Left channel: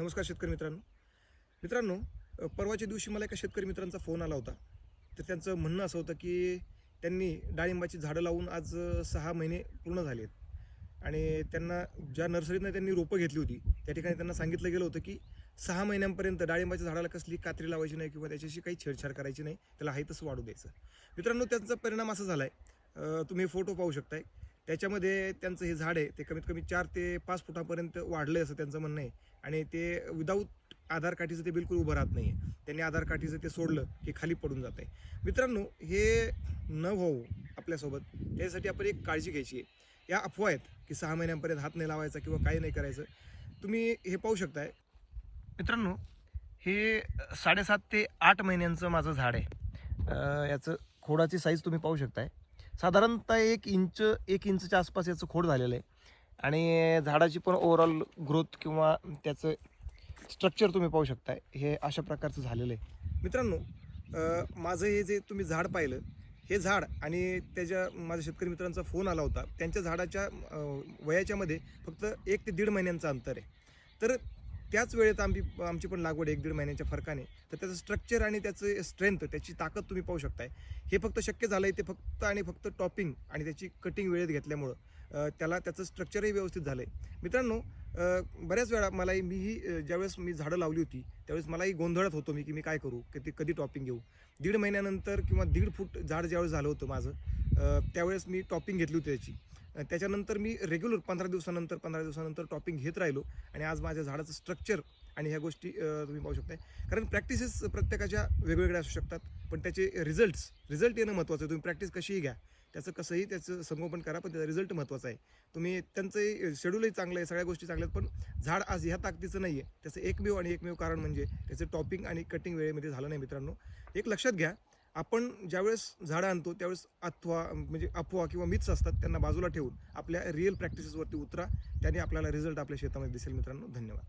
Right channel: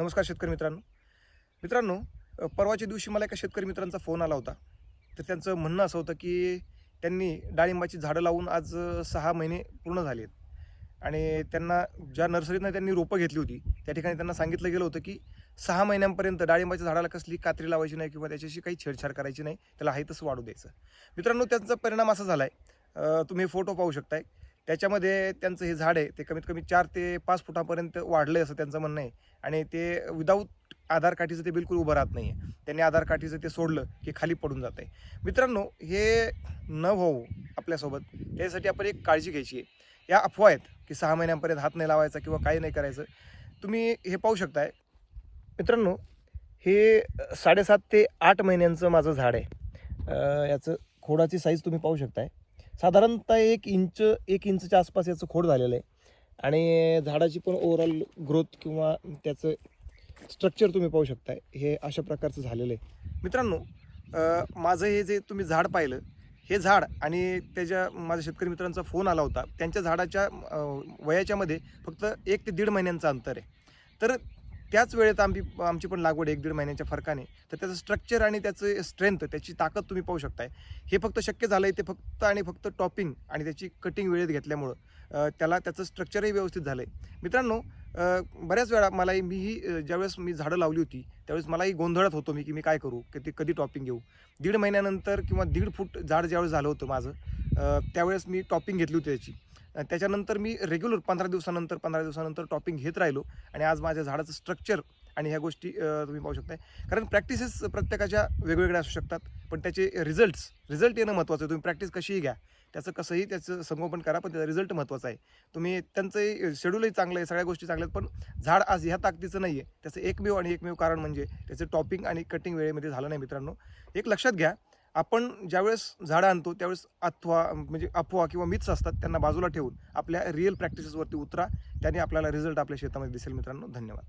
नमस्कार शेतकरी मित्रांनो, परवाच्या दिवशी मला एका शेतकरी मित्रांचा फोन आला होता. तर त्यांचं म्हणणं असं होतं की त्यांनी डाळिंबाची झाडं लावून आज 6 महिने पूर्ण झाले आहेत आणि त्यांना ज्या नर्सरीतनं त्यांनी रोपं घेतली होती, त्या ठिकाणी त्यांना सांगितलं गेलं होतं की 6 महिन्यांपर्यंत डाळिंबाच्या झाडाला कसली कात्री लावायची नाही किंवा त्याच्याशी काही छेडछाड करायची नाही, त्याला आहे तसं वाढू द्यायचं. मित्रांनो, त्यांचा परिणाम असा झाला आहे, तुम्ही फोटो पाहू शकताय. त्याच्यामध्ये त्यांचं हे झाड आहे ते कमीत कमी 4 ते 5 फुटापर्यंत वाढलं आहे असं त्यांचं म्हणणं आहे आणि ते विदाऊट आधार काठीचं ते बिलकुल उभं राहत नाही आहे. त्यांनी आधार काठीचं ते सोडलं की खाली पडून जात आहे. मित्रांनो, हे न होऊ आपल्यासोबत त्यासाठी आपण एक काळजी घ्यायची आहे. या अफवा आहेत की 6 महिन्यांपर्यंत हात नाही लावायचा किंवा काही नाही करायचं. तुम्ही हे पाहू शकताय मित्रांनो, हे 7.5 ते 8 महिन्यांचं माझं झाड आहे. याचं खोडाची साईज तुम्ही पाहू शकताय. साधारणतः 1 इंचच्या आसपास याचं खोड झालेलं आहे आणि झाडाची पण ओव्हरऑल ग्रोथ किंवा त्याचं स्ट्रक्चर तुम्ही पाहू शकताय. हे अशा प्रकारचं झालेलं आहे. मित्रांनो, माझं हे जे तुम्ही झाड पाहिलं, हे झाड आणि माझ्या शेतकरी मित्रांचा फोन आला होता. त्यांच्या झाडाच्या वयाच्यामध्ये फक्त 1 ते 1.5 महिन्यांचं अंतर आहे. तर त्याच वेळेत आमची पण लागवड 1-1.5 महिन्यांच्या फरकाने. तर त्याचं स्ट्रक्चर आणि त्याचं स्ट्रेंथ, त्याची ताकद तुम्ही पाहू शकताय. हे फक्त शक्य झालं आहे ते फक्त आणि फक्त टॉपिंग आणि त्याची कटिंग वेळेत घेतल्यामुळं. त्याचं स्ट्रक्चरही व्यवस्थित झालं आहे. मित्रांनो, बऱ्याच वेळा मीही ज्यावेळेस मी झाडं लावली होती, त्यावेळेस मलाही गोंधळत होतो मी की मी काय करू? की ते कधी टॉपिंग घेऊ? 1.5 महिन्यानंतर किंवा 1.5 फूट झाड ज्यावेळेस झालं होतं माझं, त्यावेळेस मी टॉपिंग घेतली होती त्याची. त्याच्यानंतर मी रेग्युलर 15 दिवसानंतर टॉपिंग घेत राहिलो आणि आज माझ्या झाडाचं स्ट्रक्चर आणि ह्या गोष्टी तुम्ही पाहू शकताय. कारण प्रॅक्टिसेस प्रत्येकाच्या वेगवेगळ्या असू शकतात, पण त्याचे रिझल्ट येणं महत्त्वाचं आहे. तुम्ही प्रॅक्टिस कशीही घ्या, त्याचं संगोपन करा, पण त्याचा रिझल्ट महत्त्वाचा आहे. त्यांचंही शेड्यूलही चांगलं आहे, सगळ्या गोष्टी चांगल्या आहेत, पण झाड आज ह्या ताकदीचं नाही आहे. त्याचं एकमेव कारण म्हणजे त्याचं टॉपिंग आणि कटिंग वेळेमध्ये झालं नाही. मित्रांनो, एक लक्षात घ्या, आपण ज्यावेळेस झाडं आणतो त्यावेळेस अफवा किंवा मिथ्स असतात, त्यांना बाजूला ठेवून आपल्या रिअल प्रॅक्टिसेसवरती उतरा. त्याने आपल्याला रिझल्ट आपल्या शेतामध्ये दिसेल. मित्रांनो, धन्यवाद.